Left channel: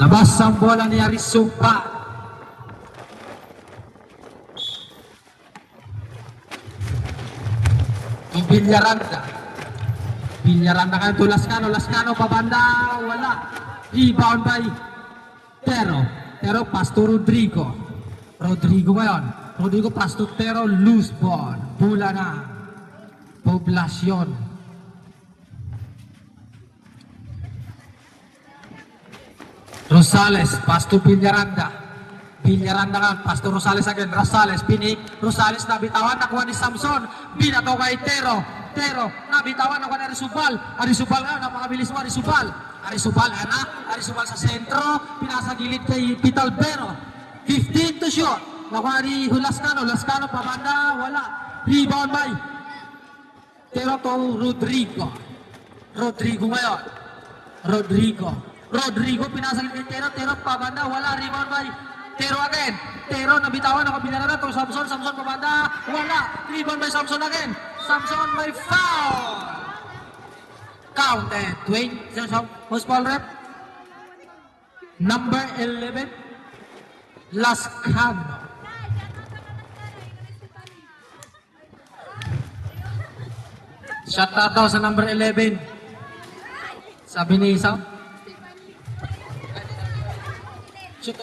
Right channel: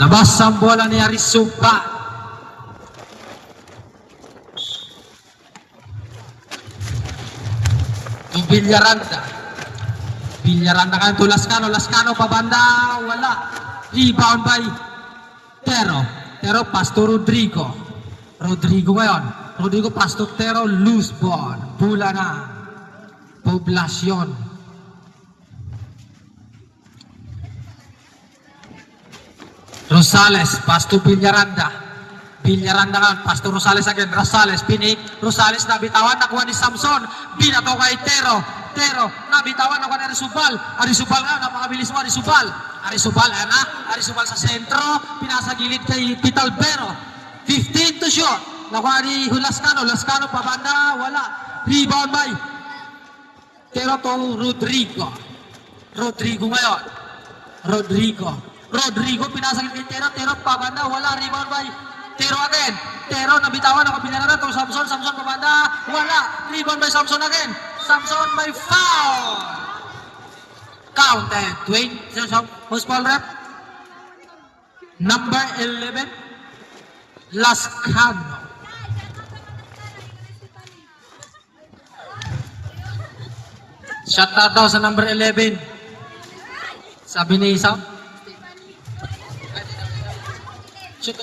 Labas ang bola ni Arisuba. Villaranda. Villaranda ka to Lascano. Lascano pabanda. Wala. Rebound by Tero. Tero pass to Rodrigo. Rodrigo ngayon. Rodrigo pass to Tero. Loose ball. Bola na. Poblacion. Rosales pass to Villaranda. Villaranda ka, pass to Rosales again. Rosales, pinik. Rosales nabitawan, nakuha ni Samson. Binato kay Tero. Tero, nabitawan, nakuha ni Arisubal. Arisubal nga, napakabilis mo Arisubal. Arisubal, ayan na. Arisubal sa sentro. Pinasa gilid kay Pitalbero. 15 to shoot. Nakuha ni Lascano. Lascano pabanda, wala. Rebound by Tero to Rodrigo. Rodrigo ngayon. Rodrigo pinasa gilid kay Tero. Tero pabanda, wala. Rebound by Tero again. Tero nabitawan, nakapinara na to Samson. Samson pabanda, wala. Rebound by Samson again. Samson may foul. Counted. Wait, who's foul rep? Number 11, Lascano. Shot out daw sa number 11. Sabi ni Isa. Shoot.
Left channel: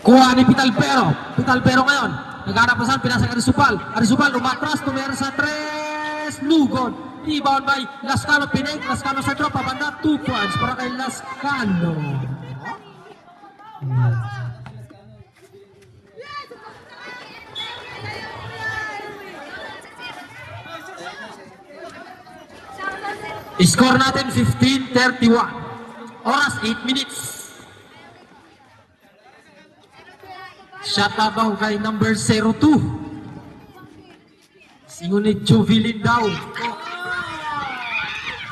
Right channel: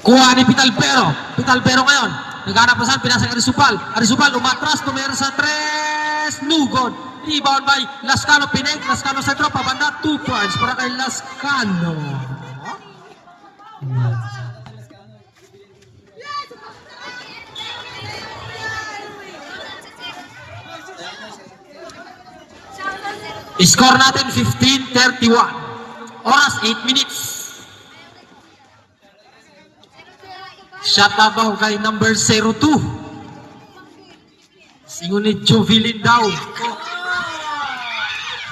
Kuha ni Pitalbero. Pitalbero ngayon. Naghanap pa saan, pinasa kay Arisubal. Arisubal umatras, tumira sa 3. Lugod. Rebound by Lascano, pinig. Lascano sa tropa, banda 2 points para kay Lascano. Score natin 15-31. Oras 8 minutes. Shot out daw kay number 02. Singunit Jovilin daw.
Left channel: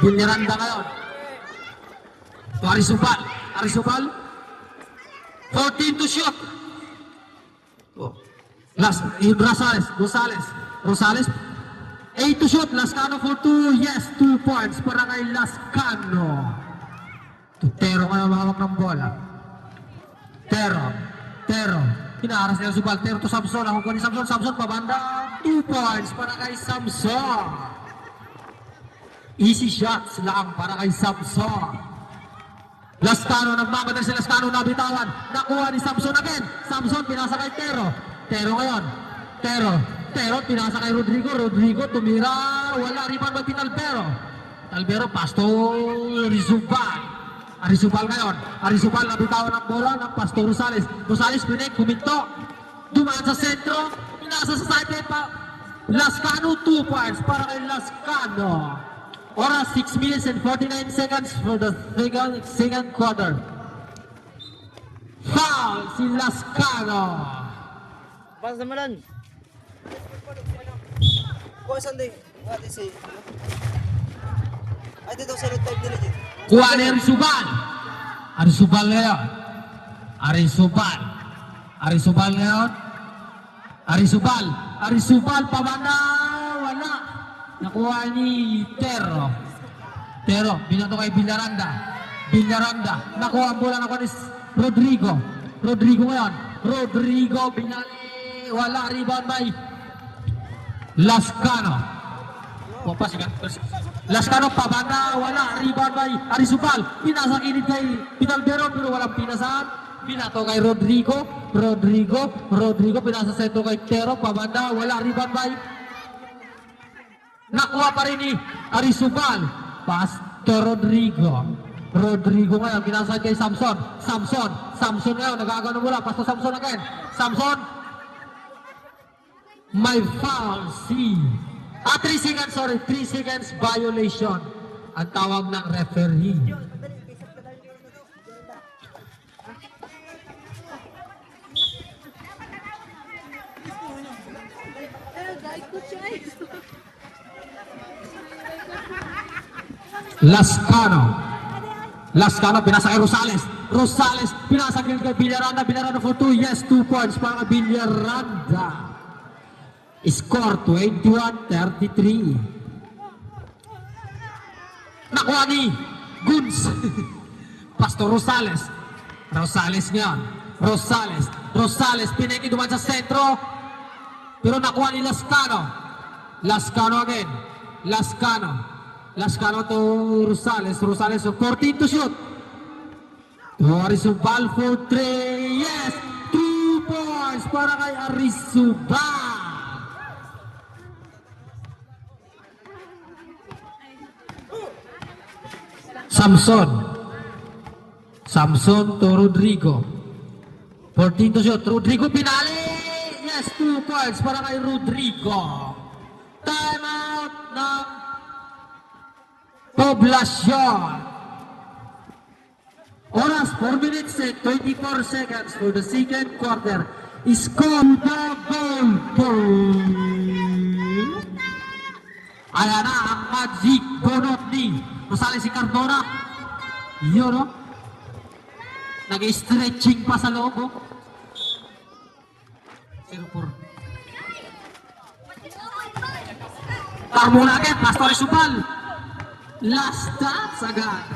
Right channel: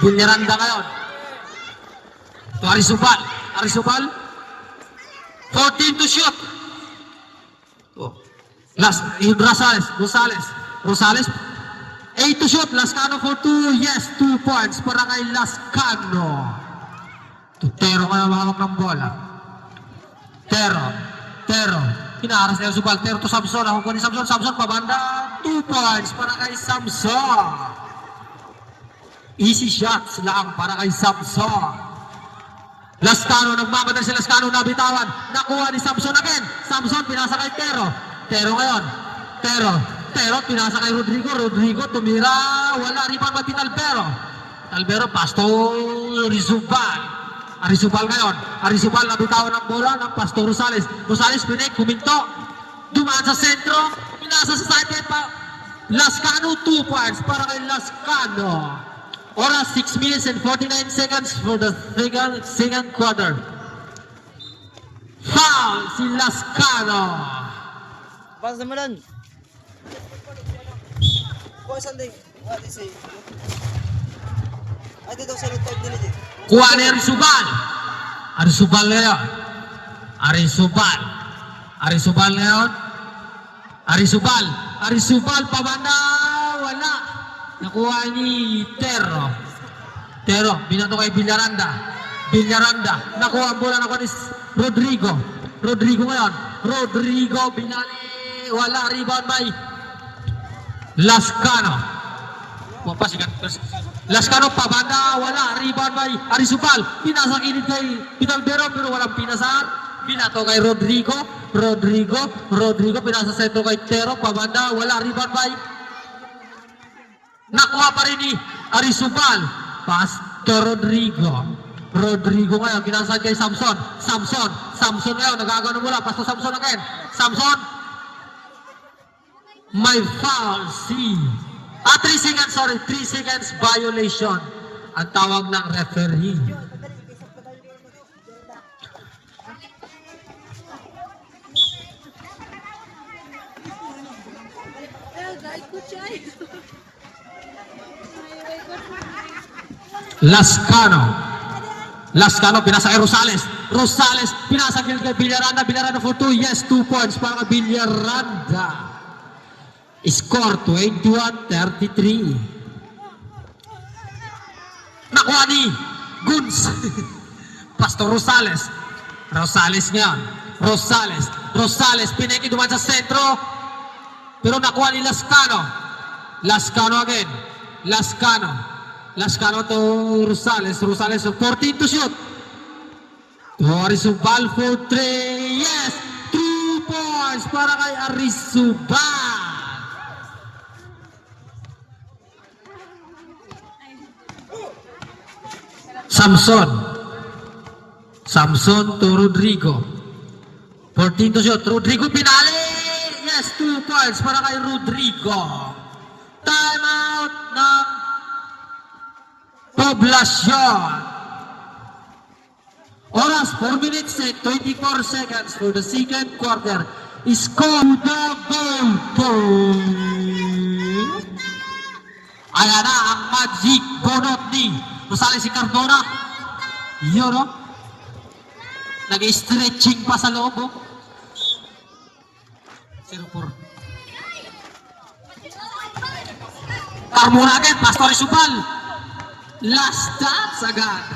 Villaranda ngayon. To Arisubal. Arisubal. 14 to shoot. Last, Rosales. 8 to shoot. Lascano for 2. Yes, 2 points para kay Lascano. Tero kaya makawak ng bola. Tero. Pinaaras niya Subal. Tero to Samson. Ako ko ni Samson. Samson pabanda. 2 points para kay Samson. Easy shots lang para kay Samson. Lascano, nagmamadal si Lascano, nabitawan. Nakuha ni Samson again. Samson pinasa kay Tero. Tero ngayon. Tero pinasa kay Rodrigo. Rodrigo tumira. Wala rebound ba Talbero. Talbero pass to Arisubal ngayon. Arisubal nabitawan ng bola ng Pastor Rosales. Rosales pinik, kuminto. Dumaan sa sentro. Pinasa sa side pa. Lascano 2 points para kay Lascano. Oras 6 minutes and 49 seconds for the second quarter. Foul si Lascano. Pas naman. Kuha sanding. Ate say. Ate daw sa third minute. Kuha ni Arisubal. Arisubal ngayon. Arisubal pabanda. Wala. Nakuha ni Tero. Binato kay Villaranda. Nakuha ang bola na ni Rodrigo ngayon. Rodrigo binali. Wala. Rebound by Lascano. Lascano pabanda, wala. Rebound by Arisubal. Pinasa kinit kay Pitalbero pero walang pinasahan. Binato kay Rodrigo pinasa sentro kay Tero. Pabanda, wala. Rebound by nakuha pa rin ni Arisubal. Pass to Rodrigo ngayon. Pinasa kay Samson ngayon. Nagagawa na mula. Pass to Samson again. Samson. May foul si 3 seconds violation ang tawag ng referee. Lascano pinasa kay Rosales pinasa kay Villaranda for 2. Yes, 2 points para Villaranda. Score 21-33. Nakuha ni Guns. Pastor Rosales. Rosales nga. Rosales. Piniki duman sa sentro. Pero nakuha ni Lascano. Lascano again. Lascano to Rosales. Rosales 14 to shoot. Arizubal for 3. Yes! 2 points para kay Arizubal. Samson to Rodrigo. 14 to shoot. Rodrigo pinali. Yes, 2 points para kay Rodrigo. Time out ng Poblacion. Oras 4 minutes and 24 seconds for the second quarter. Score the goal. Ayan na ang magic bonot ni Rosales si Cardona. Yun o. Nag-stretching pa sa loob o. 0-4. Carmona agad, Pastor Arizubal. Last dance agad.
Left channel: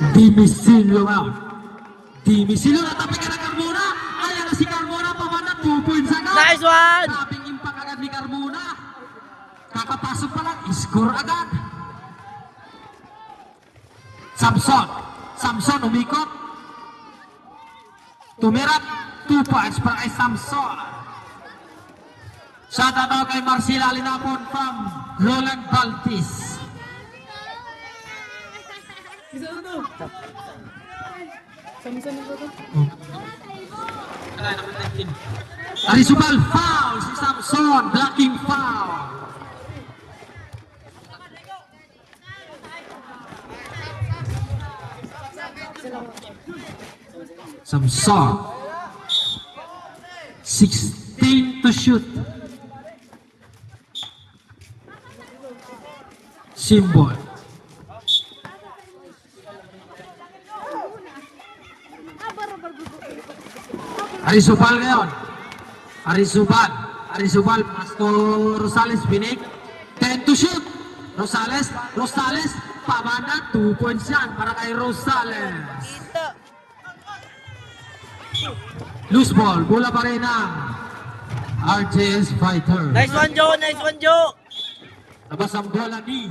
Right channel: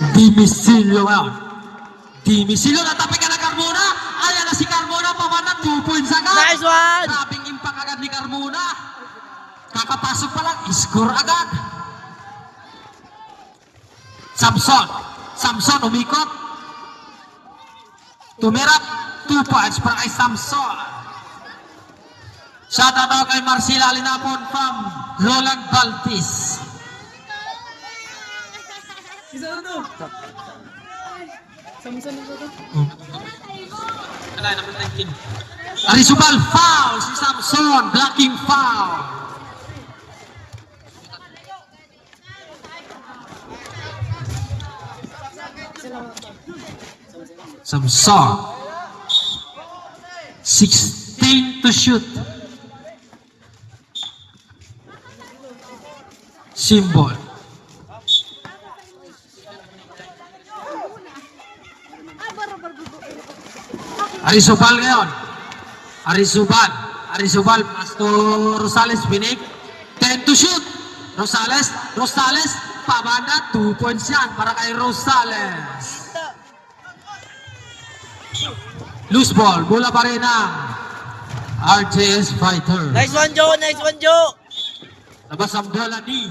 Dimisilyo ngayon. Dimisilyo, natapi ka na Carmona. Ayan na si Carmona, pamana 2 points agad. Nice one! Sabing impact agad ni Carmona. Kakapasok pa lang, score agad. Samson umikot. Tumirap, 2 points para kay Samson. Shout out kay Marcela Linapon from Roland Baltis. Arizubal foul si Samson, blocking foul. Samson 16 to shoot. Symbol. Arizubal ngayon. Arizubal, Pastor Rosales Pinik. 10 to shoot. Rosales, pabana, 2 points yan para kay Rosales. Loose ball, bola pa rin ang RJS Fighter. Nice one, Joe! Labas ang bola ni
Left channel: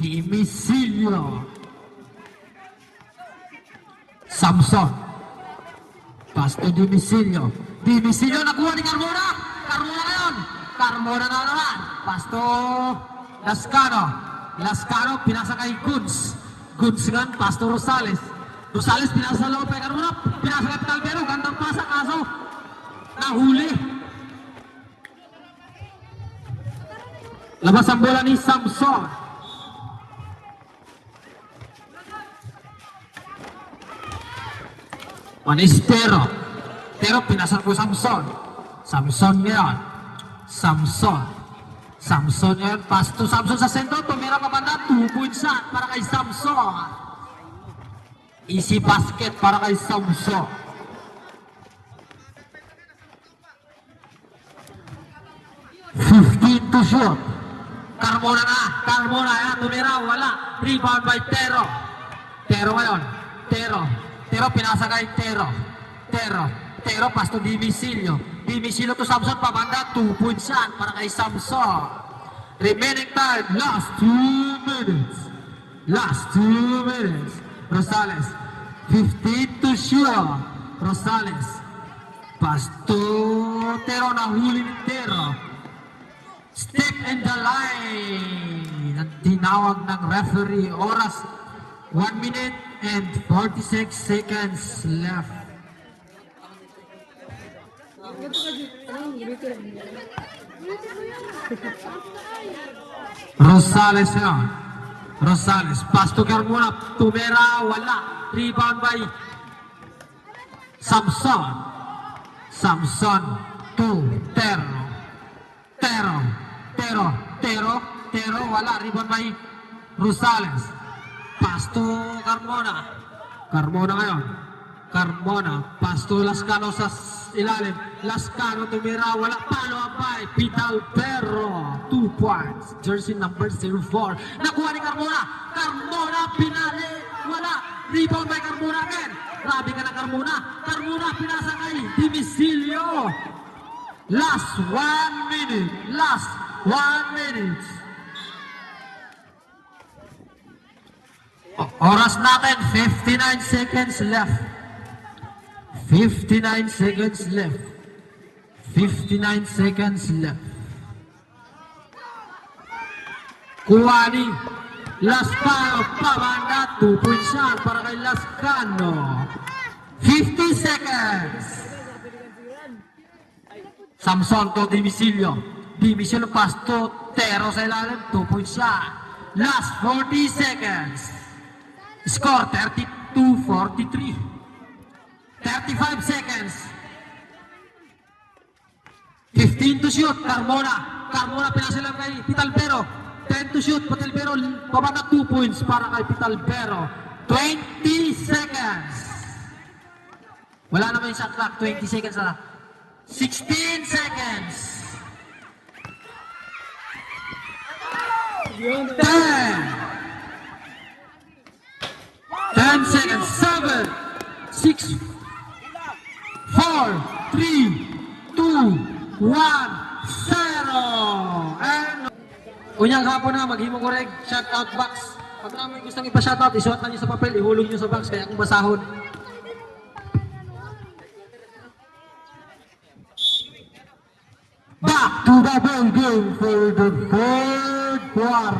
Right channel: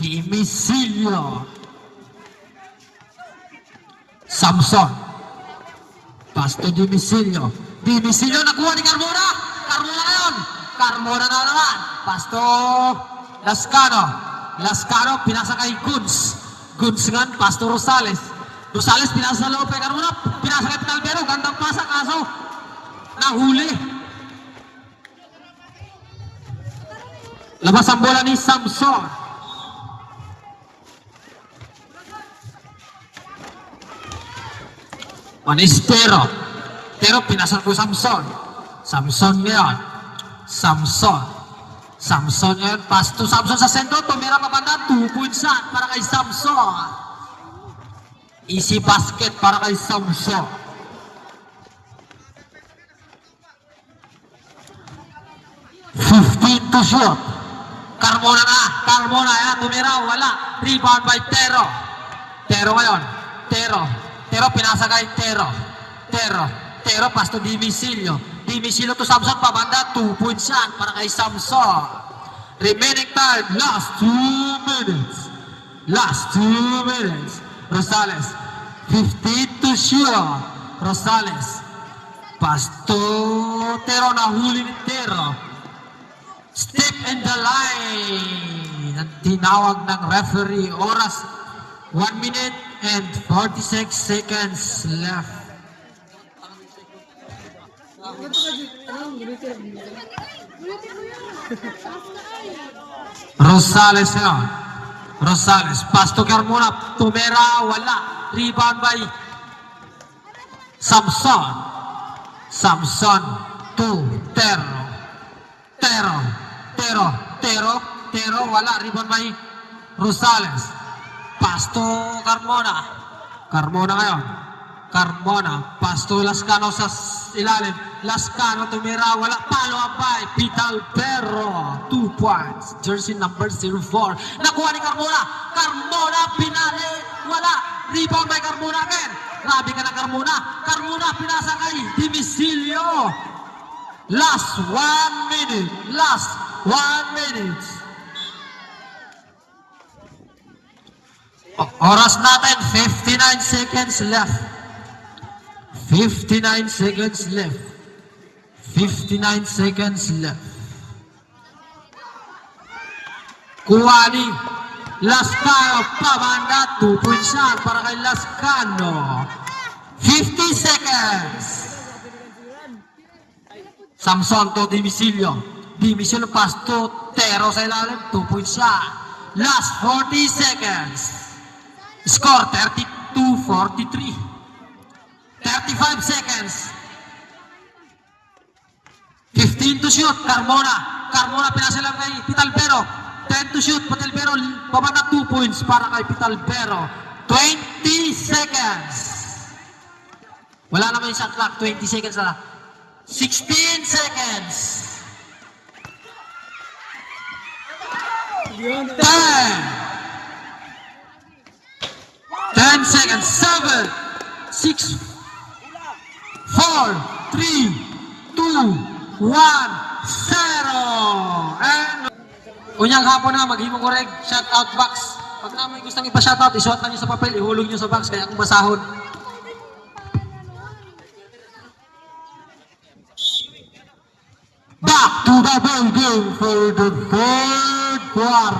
Dimisilyo. Samson. Pastor Dimisilyo nakuha ni Carmona. Carmona na naman. Pastor Lascano pinasa kay Guns nga, Pastor Rosales pinasa sa loob kay Carmona. Pinasa kay Pinalbero. Gandang pasa kaso nahuli. Labas ang bola ni Samson. Manistero. Pero pinasal ko Samson ngayon. Samson ngayon. Pasto Samson sa sentro. Tumira pa banda. 2 points para kay Samson. Easy basket para kay Samson. To shoot. Carmona yan. Tumira. Wala. Rebound by Tero ngayon. Tero pinasa kay Tero Pastor Dimisilyo to Samson pabanda. 2 points yan para kay Samson. Remaining time, last 2 minutes. Rosales 15 to shoot. Rosales, Pastor Tero nahuli ni Tero. Step in the line. Ang tinawag ng referee. Oras 1 minute and 46 seconds left. Rosales, Pastor Carmona, tumera, wala. Rebound by Samson to Tero, wala. Rebound by Rosales. Pastor Carmona ngayon. Carmona, pasto Lascano sa ilalim. Lascano tumira, wala palo abay. Vital Perro, 2 points. Jersey number 04. Nakuha ni Carmona. Carmona, pinali, wala. Rebound by Carmona again. Grabe ka na Carmona. Carmona, pinasa kay Dimisilio. Last 1 minute. Last 1 minute. Oras natin, 59 seconds left. 59 seconds left. 59 seconds left. Kuwani. Lascano, pabanda, 2 points shot para kay Lascano. 50 seconds. Samson to Dimisilio. Dimisilio pass to Tero sa ilalim, 2 points shot. Last 40 seconds. Score 32-43. 35 seconds. 15 to shoot. Carmona. Carmona pinasa lang kay Pitalbero. 10 to shoot. Pitalbero pababa 2 points para kay Pitalbero. 20 seconds. Wala naman yung shot clock. 20 seconds na lang. 16 seconds. 10 seconds. 7, 6, 4, 3, 2, 1, 0. And unyang hapon na, maghimong korek, shoutout box. Pag namin gustong ipa-shoutout, isuot na nyo sa papel, ihulog nyo sa box, kaya akong basahon. Back to the ball game for the third quarter.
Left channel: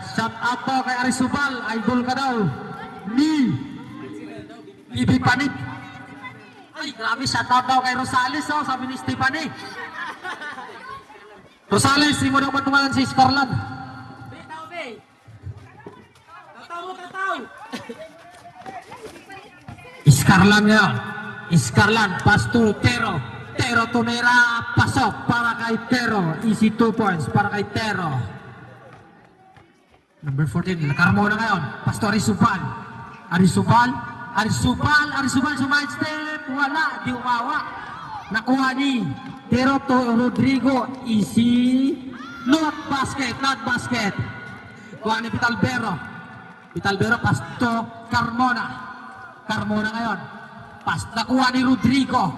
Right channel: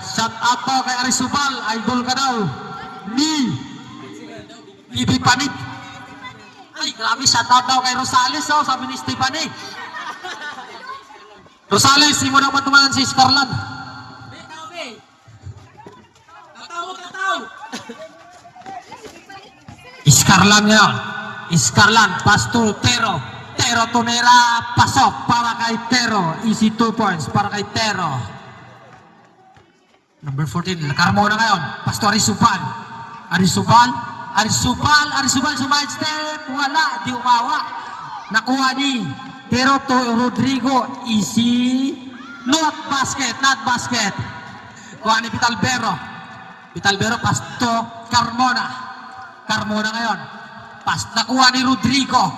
Shout out to kay Arisubal, idol ka daw. Ni Bibi Panit. Ay, grabe, shout out daw kay Rosales, oh, sabi ni Stephanie. Rosales, hindi mo daw matumalan si Scarlan. Scarlan yun. Scarlan, pass to Tero. Tero tumira, pasok para kay Tero. Easy 2 points para kay Tero. Number 14, Carmona ngayon. Pastor Arisubal. Arisubal, sumide step. Wala, di umawa. Nakuha ni Tero to Rodrigo. Easy. Not basket. Kuha ni Pitalbero. Pasto Carmona. Carmona ngayon. Nakuha ni Rodrigo.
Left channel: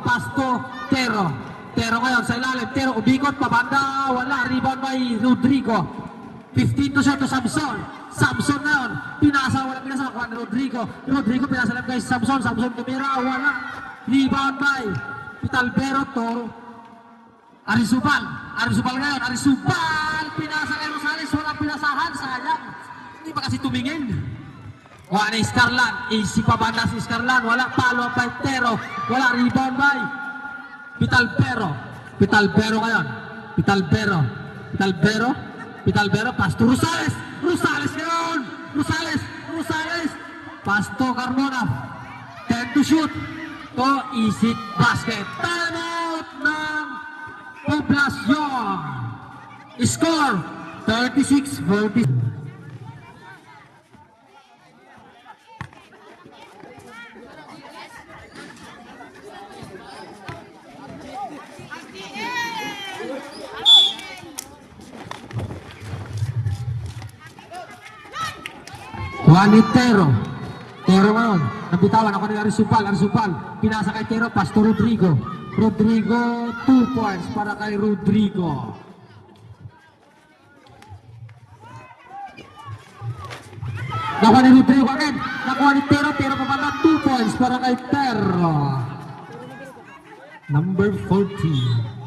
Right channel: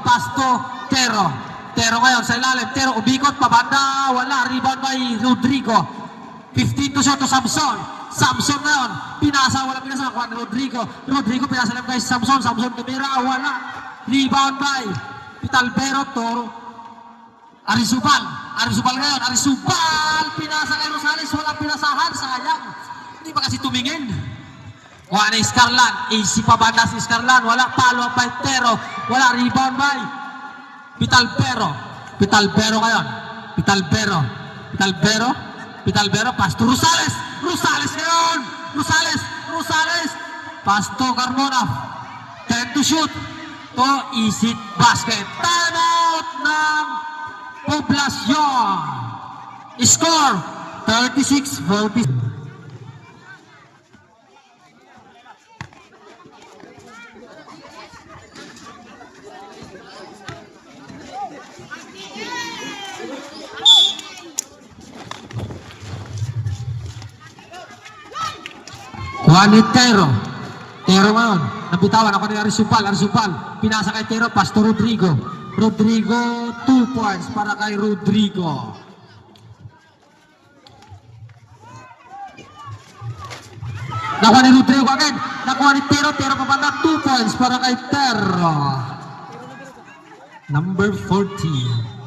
Pasto Tero. Tero ngayon sa ilalim. Tero ubikot, pabanda. Wala, rebound by Rodrigo. 15 to shot to Samson. Samson ngayon. Wala pinasa. Nakuha ni Rodrigo pinasa lang kay Samson. Samson kumira. Wala. Rebound by Pitalbero to Arisubal ngayon. Pinasa kay Rosales. Wala pinasahan. Sayang. Hindi pa kasi tumingin. Wala na Scarlan. Easy pa banda si Scarlan. Wala. Palo by Tero. Wala. Rebound by Pitalbero ngayon. Pitalbero. Pass to Rosales. Rosales ngayon. Rosales. Pass to Carmona. 10 to shoot. To easy basket. Time out ng Poblacion. Score 36-40. Juanit Tero ngayon, nabitawan ako ni Arisubal, pinasa kay Tero, Pasto Rodrigo, 2 points para kay Rodrigo. Nakuha ni Rodrigo again, nakuha ni Tero pabanda, 2 points para kay Tero. Number 14.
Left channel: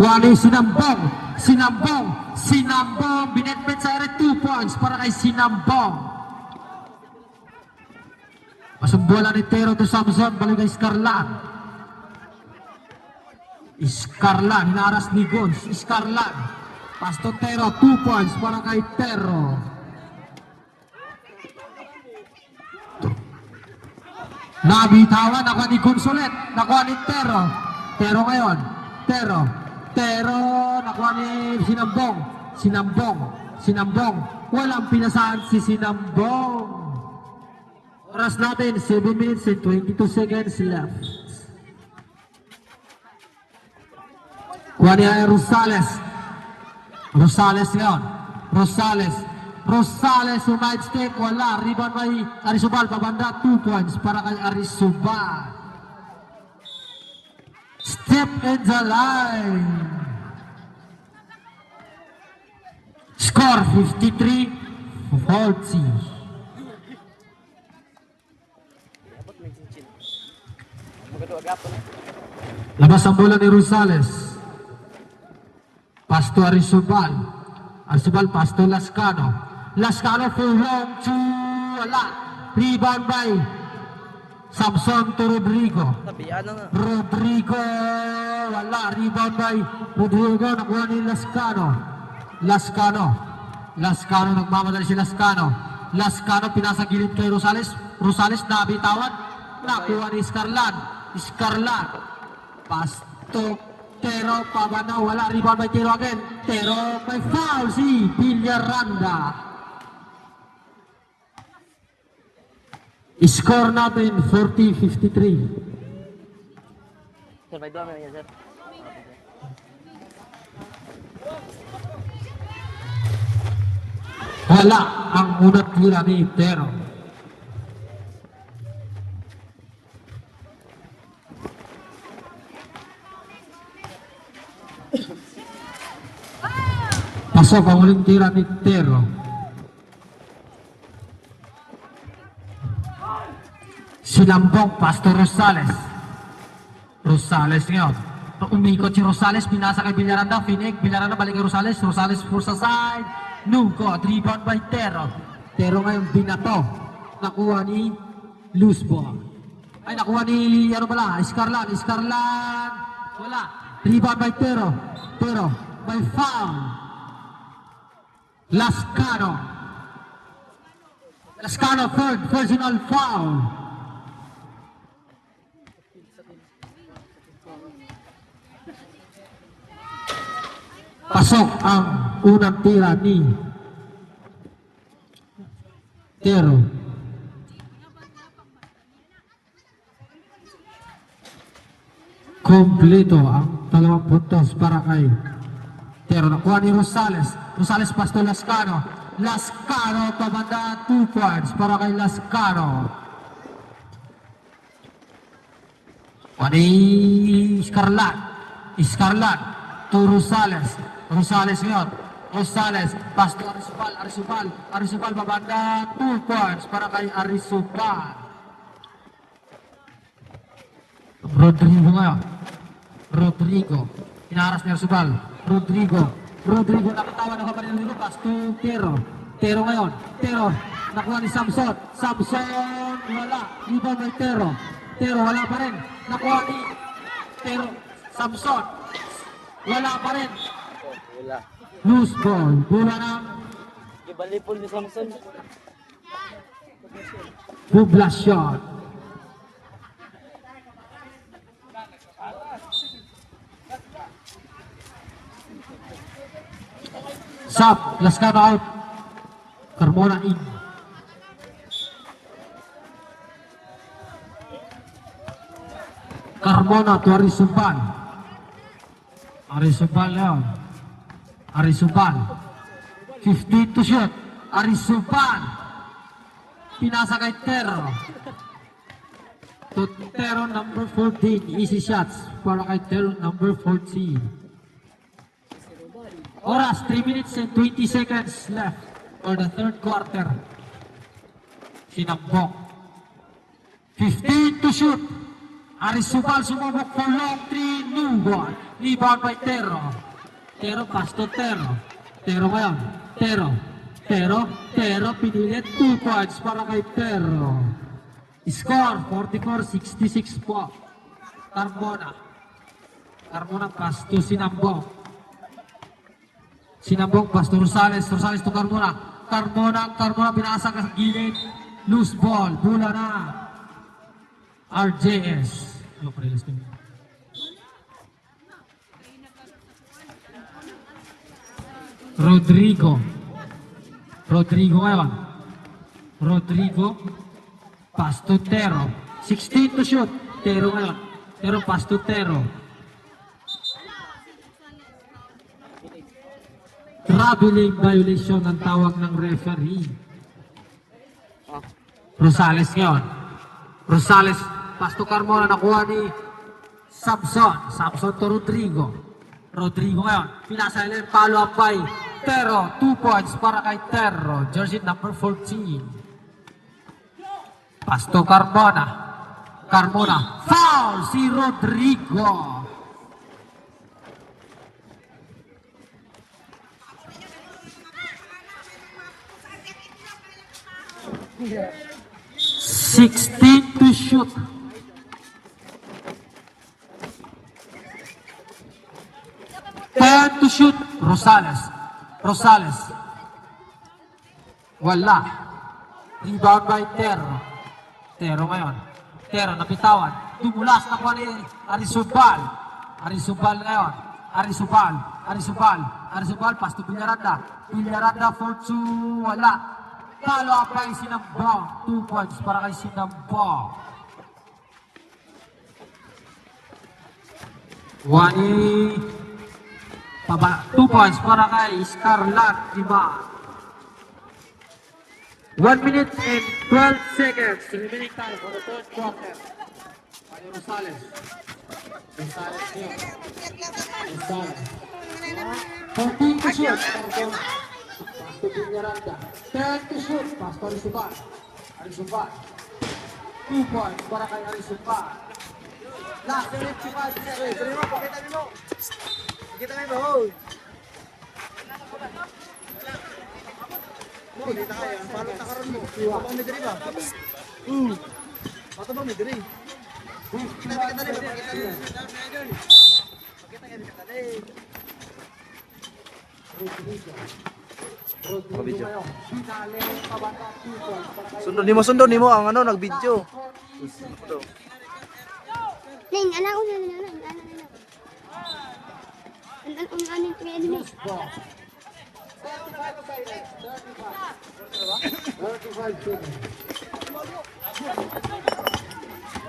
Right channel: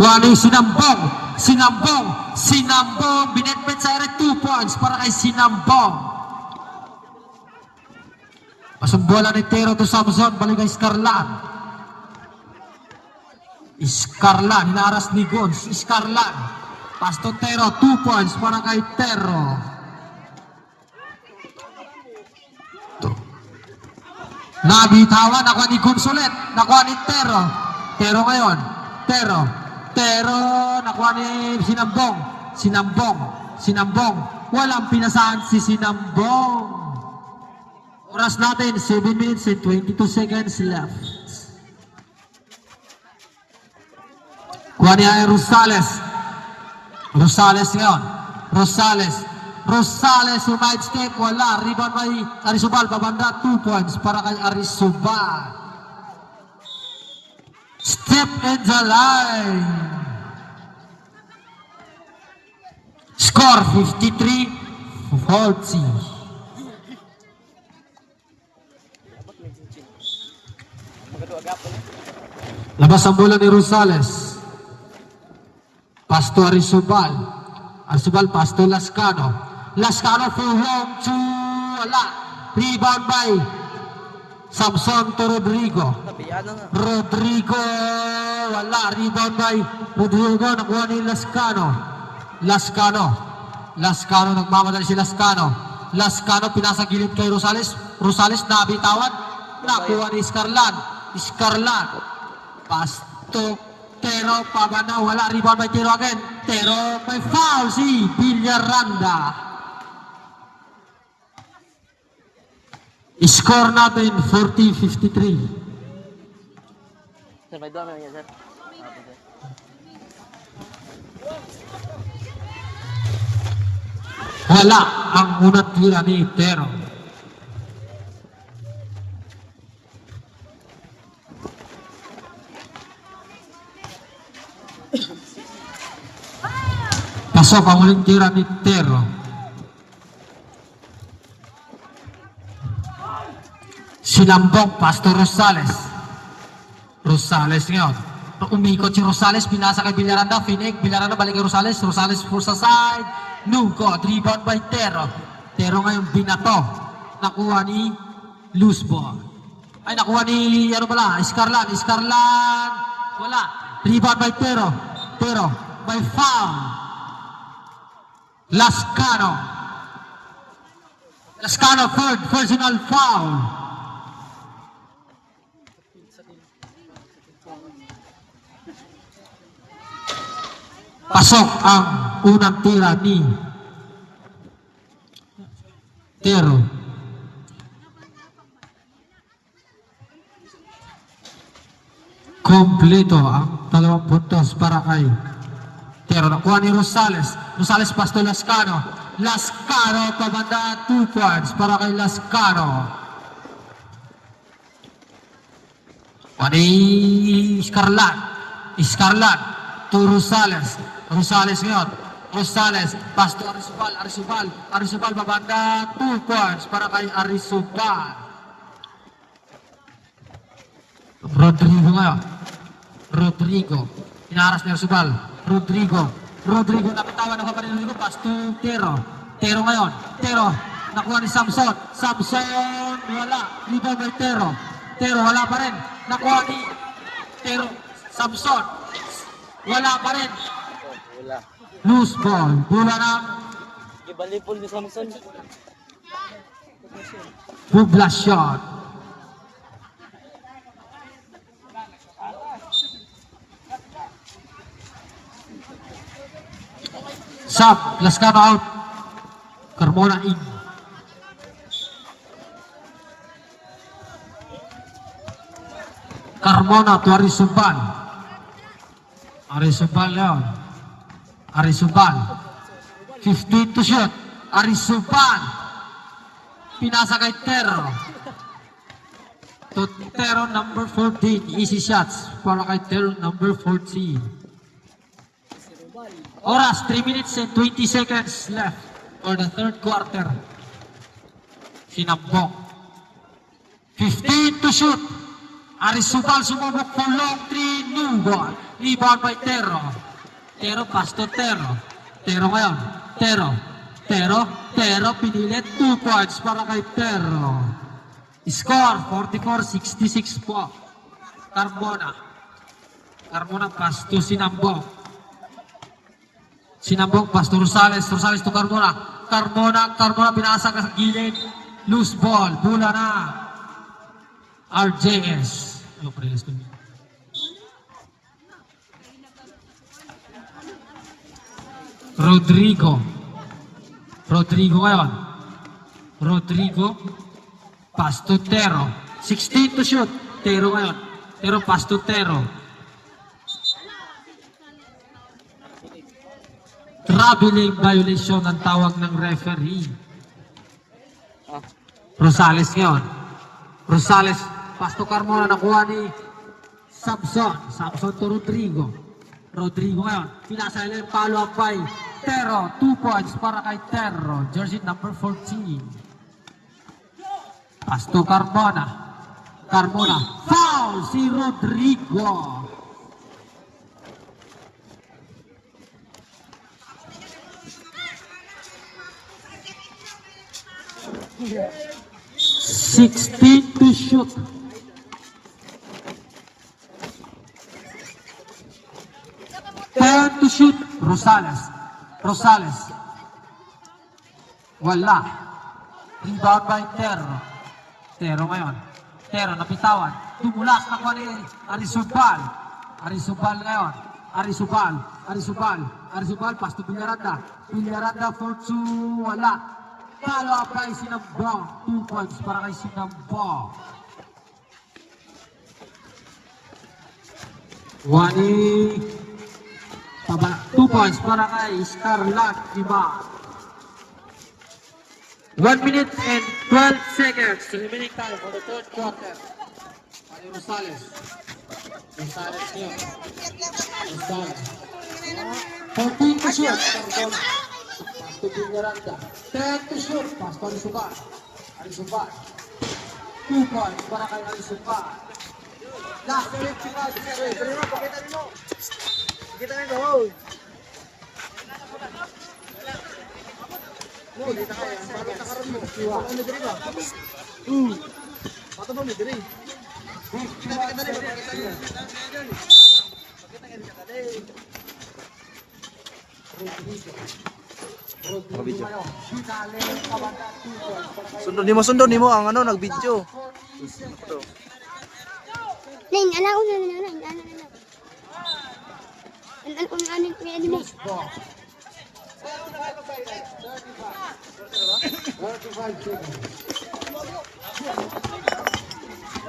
Kuha Sinambong, binetbit sa ere 2 points para kay Sinambong. Pasumbola ni Tero to Samson, balik kay Scarlan, hinaras ni Gons. Scarlan, Pasto Tero, 2 points para kay Tero. Nabitawan, nakuha ni Gons ulit, nakuha ni Tero ngayon. Tero, nakuha nakuha ni Sinambong. Walang pinasahan si Sinambong. Oras natin, 7 minutes and 22 seconds left. Kuha niya ay Rosales ngayon. Rosales, side step, wala. Rebound by Arisubal, pabanda, 2 points para kay Arisubal. Step in the line. Score 53-40. Labas ang bola ni Rosales. Pasto Arisubal. Pasto Lascano. Lascano full home to wala. Rebound by Samson to Rodrigo. Rodrigo wala. Rebound by Rodrigo. Nakuha ni Lascano. Nagmamadali si Lascano. Pinasa gilid kay Rosales. Rosales nabitawan. Nakuha ni Scarlan. Pasto Tero, pabana, wala. Rebound by Tero again. Tero, may foul si Villaranda. Score natin 40-53. Sir, may doon na niya, sir. Wala ang unang tira ni Tero. Pasok ang uling tira ni Tero. Sinambong, Pastor Rosales ngayon. Umikot si Rosales, pinasa kay Villaranda, Villaranda balik kay Rosales for sa side, Nugod, rebound by Tero. Tero ngayon binato, nakuha ni loose ball. Ay, nakuha ni, Scarlan, wala. Rebound by Tero, by foul. Lascano, third personal foul. Pasok ang unang tira ni Tero. Kompleto ang 2 puntos para kay Tero. Nakuha ni Rosales, Pasto Lascano, pabanda, 2 points para kay Lascano. Ani Scarlan to Rosales ngayon. Pasto Arisubal, pabanda, 2 points para kay Arisubal. Rodrigo, inaras ni Arisubal. Rodrigo nakatawa na kapatid Rodrigo, Pasto Tero ngayon. Nakuha ni Samson, wala. Rebound by Tero, wala pa rin. Nakuha ni Tero, Samson, wala pa rin. Loose ball, bola ng Ibalipol ni Samson. Poblacion. Sub, Lascano out. Carmona in. Carmona to Arisubal. Arisubal. 15 to shoot. Arisubal. Pinasa kay Tero. To Tero number 14. Easy shots. Para kay Tero number 14. Oras, 3 minutes and 20 seconds left for the third quarter. Sinambong. 15 to shoot. Arisubal sumubok for long 3. New ball. Rebound by Tero. Pasto Tero ngayon. Tero, pinilit 2 points para kay Tero. Score, 44-66 po. Carmona, Pasto Sinambong, Pasto Rosales to Carmona, pinasa ka sa gilid, loose ball, bola na, RJS. Rodrigo. Rodrigo ngayon. Rodrigo. Pass to Tero. 16 to shoot. Tero ngayon. Tero pass to Tero. Traveling violation ang tawag ng referee. Rosales ngayon. Rosales. Pass to Carmona. Nakuha ni Samson. Samson to Rodrigo. Rodrigo ngayon. Pinasa nila yung follow-up by Tero. 2 points para kay Tero. Jersey number 14. Pass to Carmona. Carmona. Foul si Rodrigo. Yeah. 16 to shoot. 10 to shoot. Rosales. Rosales. Wala. Rebound by Tero. Tero ngayon. Tero napitawan. Tumulas na kwa ni Arisubal. Arisubal ngayon. Arisubal. Arisubal. Arisubal. Pass to Villaranda. Villaranda for 2. Wala. Follow up kay Sinamba. 2 points para kay Sinamba. Wani. 2 points para kay Scarlat. Diba? 1 minute and 12 seconds. Remaining time for the third quarter. Ani Rosales. Rosales here. Rosales. 14 to shoot. To Villaranda. 10 to shoot. Pass to Arisubal. Arisubal. 2 points para kay Arisubal. Last minute si Paz. Pakita nyo. Kita nyo. Sundon nimo ang ano nag-video. Ning, anak ko na.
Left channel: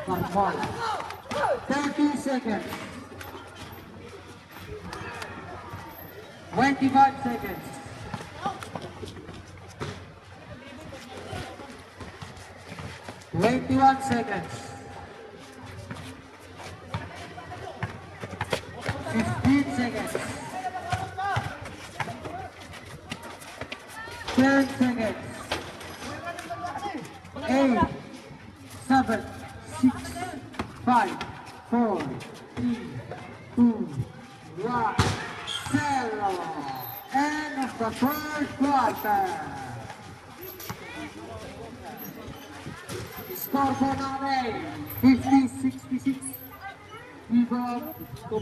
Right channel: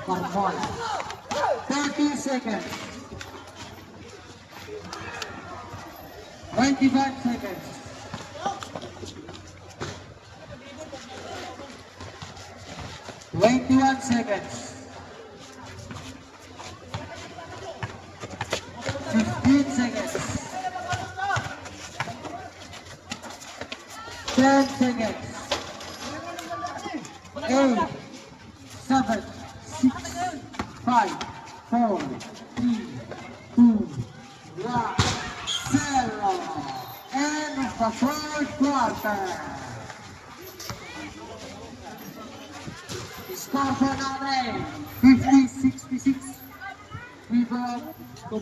Carmona. 30 seconds. 25 seconds. 21 seconds. 15 seconds. 10 seconds. 8, 7, 6, 5, 4, 3, 2, 1. Zero. End of the third quarter. Score for Naray, 50-66. We go to